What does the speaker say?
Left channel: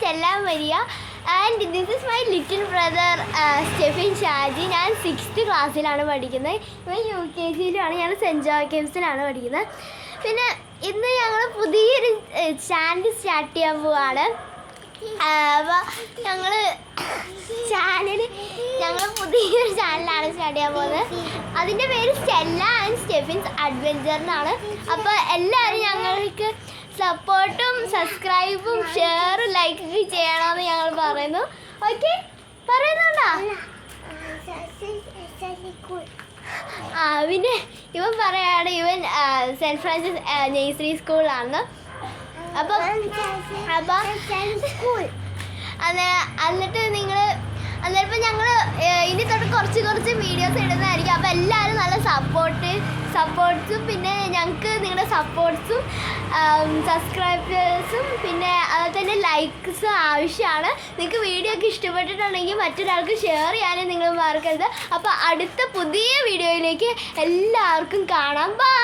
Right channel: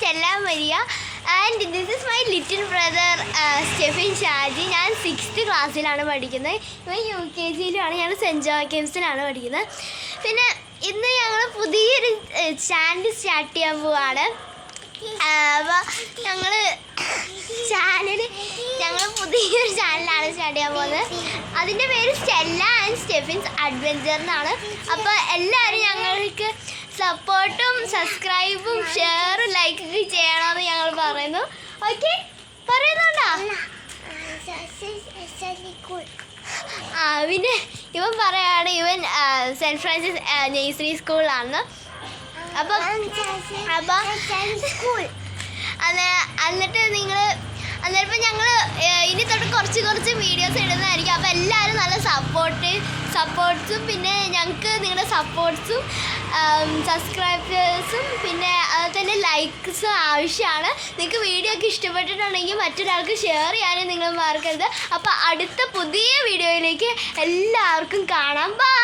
Stella Maria and this is my little brother Stephen Shaji. ഞാൻ 6th ക്ലാസ്സിലാണ് പഠിക്കുന്നത്. ഇവൻ UKG-യിലാണ്. ഞാൻ സെൻറ്റ് ജോസഫ്സിലാണ് പഠിക്കുന്നത്. പിന്നെ ഇന്ന് ഞങ്ങൾ പുതിയൊരു ചാനൽ സ്റ്റാർട്ട് ചെയ്യാൻ പോവാണ്. അപ്പോൾ ഞങ്ങൾ പുതിയൊരു ചാനലാണ് സ്റ്റാർട്ട് ചെയ്യാൻ പോകുന്നത്. അതിൻ്റെ പേര് സ്റ്റെല്ല ആൻഡ് സ്റ്റെഫിൻസ് അഡ്വെഞ്ചർ എന്നാണ്. അപ്പോൾ എല്ലാവരും ഞങ്ങൾക്ക് സപ്പോർട്ടും സബ്സ്ക്രൈബും ഷെയറും ലൈക്കൊക്കെ ചെയ്യണമെന്ന് ഞങ്ങൾ പറയുന്നു. ഓക്കെ, പറയുന്നുണ്ടോ? പിന്നെ ഇവൻ പറയാണ് ഇവൻ സെൻറ്റ് ഫ്രാൻസിസ് നേഴ്സറി സ്കൂളിലാണ്. അപ്പം എന്നിട്ട് അന്നേരം ഞങ്ങൾ ഇനി തൊട്ട് കുറച്ച് വീഡിയോസ് ഇടുന്നതായിരിക്കും. അപ്പോൾ എല്ലാവരും നല്ല സപ്പോർട്ട്സും പിന്നെ ഞങ്ങൾക്ക് നിങ്ങളുടെ സപ്പോർട്ട്സും സബ്സ്ക്രൈബേഴ്സും പിന്നെ അതുപോലെ തന്നെ ലൈക്സും ആവശ്യമാണ്. നിങ്ങൾക്ക് വീഡിയോ ഒക്കെ ഇഷ്ടപ്പെട്ടിട്ടുണ്ടെങ്കിൽ മറ്റൊരാൾക്ക് ഷെയർ ചെയ്യാനും നിങ്ങൾ മറക്കരുത്. അപ്പോൾ അടുത്ത പുതിയ വീഡിയോയിലേക്ക് എല്ലാവർക്കും കാണാം. ബൈ.